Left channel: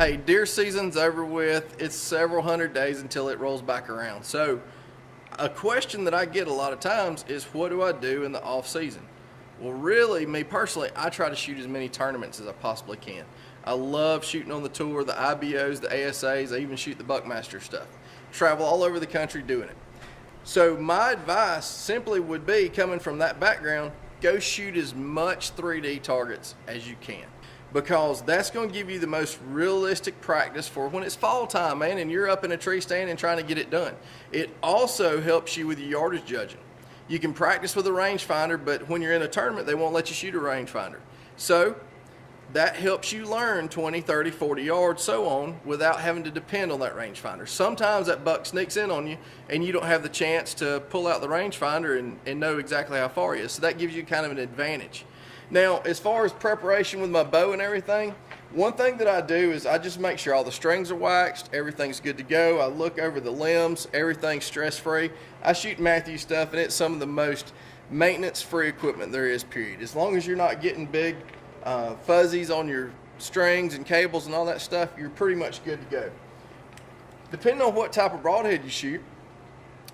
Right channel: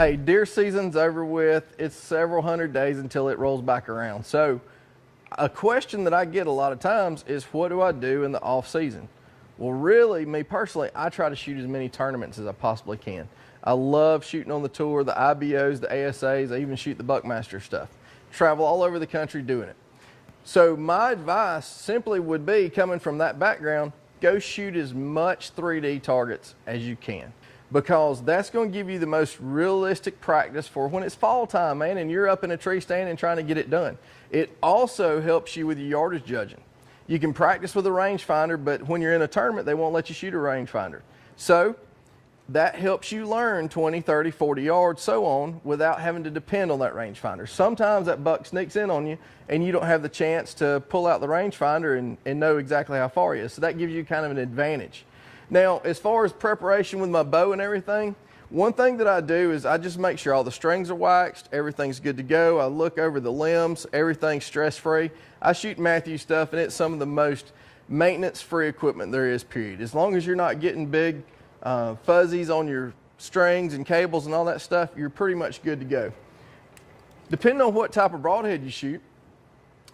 Hey, deer season's over with. It's several hundred days until it rolls back around. So a question that I get a lot of times is, what do I do in the off season? Well, really, me personally, I try to shoot as many tournaments as I possibly can. I love shooting on the tour, the IBOs, the ASAs. I even shoot the Buckmaster stuff. Travel all over the country doing it. So my advice simply would be, coming from that background, go shoot as much 3D targets as you can, because that's going to give you the most realistic practice for when it's fall time, man, and you're up in a tree stand and trying to get it done. It also helps you with your yardage judging. You can practice with a rangefinder, but when you're in a tournament, they won't let you shoot a rangefinder. So that helps you learn 20, 30, 40 yards, so on, without having to depend on that rangefinder. Sometimes that buck sneaks in on you and you don't have the chance to pull out the rangefinder and know exactly how far he is. So that gives you kind of an advantage. Now, as far as preparation with my bow and everything, one thing that I do is I just make sure all the strings are waxed, everything's good to go. I look over the limbs, everything's stress-free. I shoot Matthews stuff, and it's some of the most maintenance-free equipment there is, period. As long as you're not getting big fuzzies on your strings and cables and all that stuff, you're pretty much good to go. Depending on what type of broadhead you shoot,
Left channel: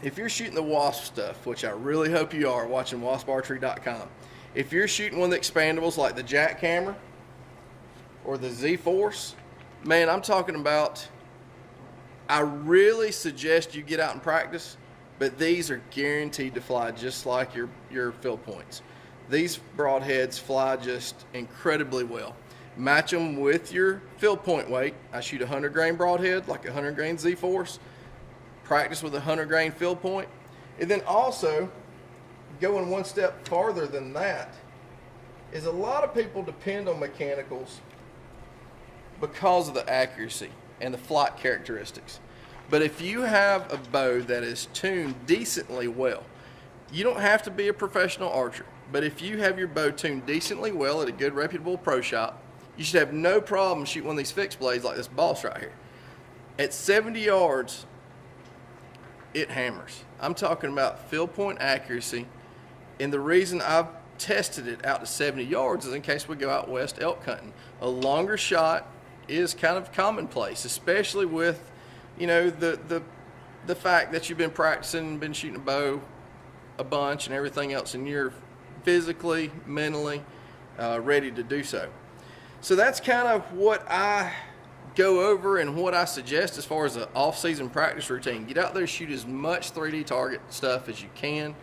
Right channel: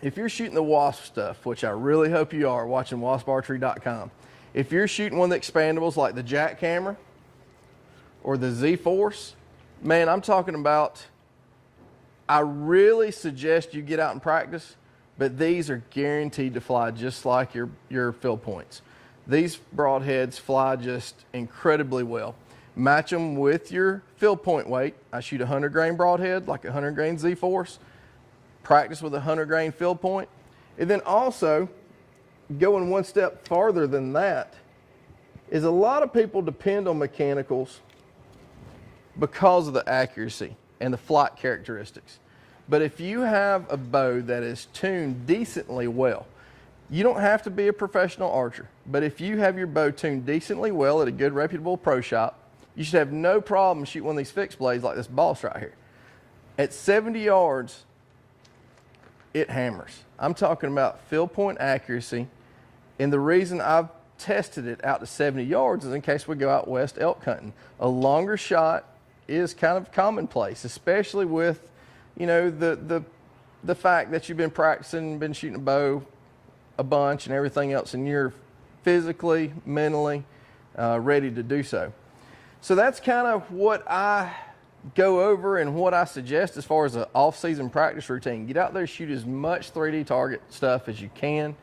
if you're shooting the wasp stuff, which I really hope you are, watching wasparchery.com, if you're shooting one of the expandables like the Jack camera or the Z-Force, man, I'm talking about, I really suggest you get out and practice, but these are guaranteed to fly just like your fill points. These broadheads fly just incredibly well. Match them with your fill point weight. I shoot a 100 grain broadhead, like a 100 grain Z-Force. Practice with a 100 grain fill point. And then also, going one step farther than that, is a lot of people depend on mechanicals because of the accuracy and the flight characteristics. But if you have a bow that is tuned decently well, you don't have to be a professional archer, but if you have your bow tuned decently well at a good reputable pro shop, you should have no problem shooting one of these fixed blades like this boss right here. At 70 yards, it hammers. I'm talking about fill point accuracy, and the reason I've tested it out to 70 yards is in case we go out west elk hunting. A longer shot is kind of commonplace, especially with, you know, the fact that you've been practicing, been shooting a bow a bunch and everything else, and you're physically, mentally ready to do so. So that's kind of what I go over and what I suggest as far as an off-season practice routine. Get out there, shoot as much 3D target stuff as you can.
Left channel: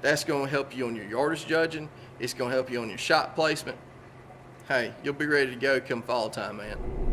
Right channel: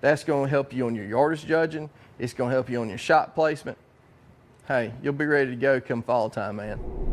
That's going to help you on your yardage judging. It's going to help you on your shot placement. Hey, you'll be ready to go come fall time, man.